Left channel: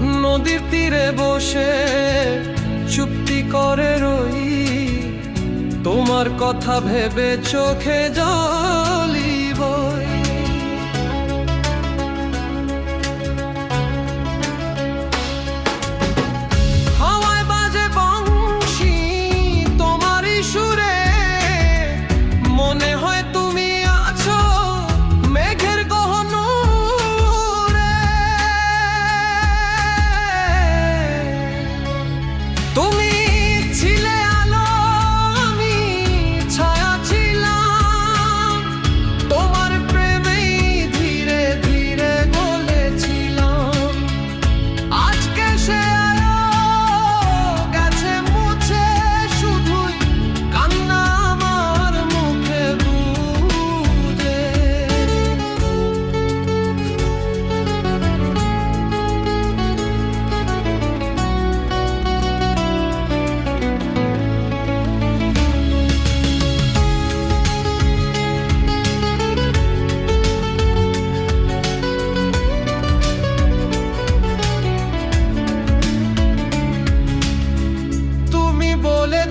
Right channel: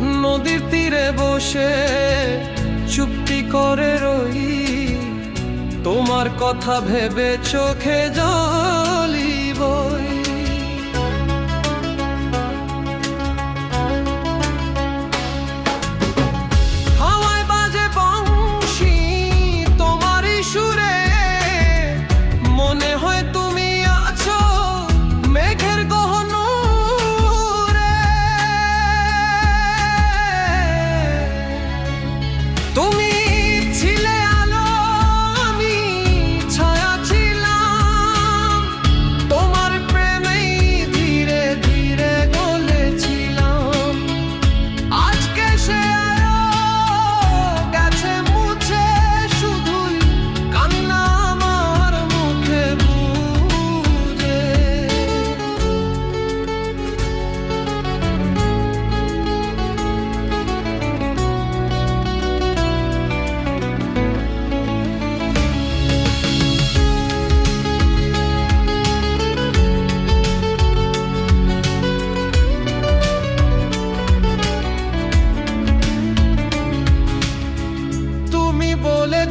নদীর তীরে বসে চুপটি করে রই। তোমার কথা ভেবে চোখে যায়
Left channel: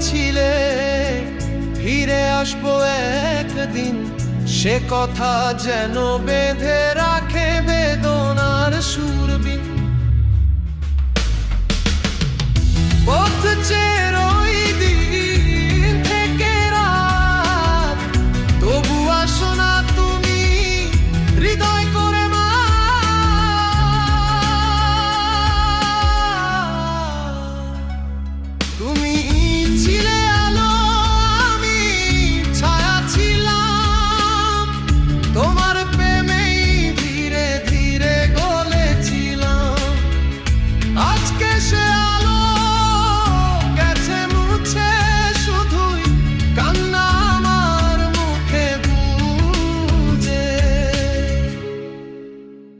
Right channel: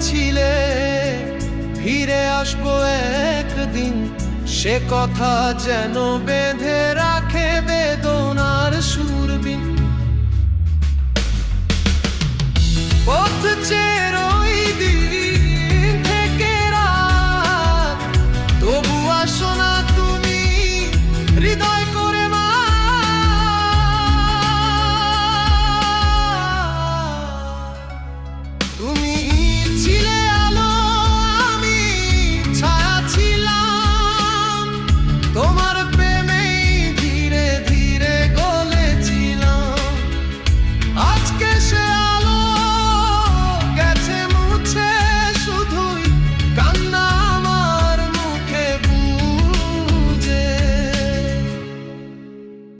ছিলে ফিরে আসব একদিন। সে কথা যেন বেঁধে রাখে বেদনার সুরবিন পথ চেরো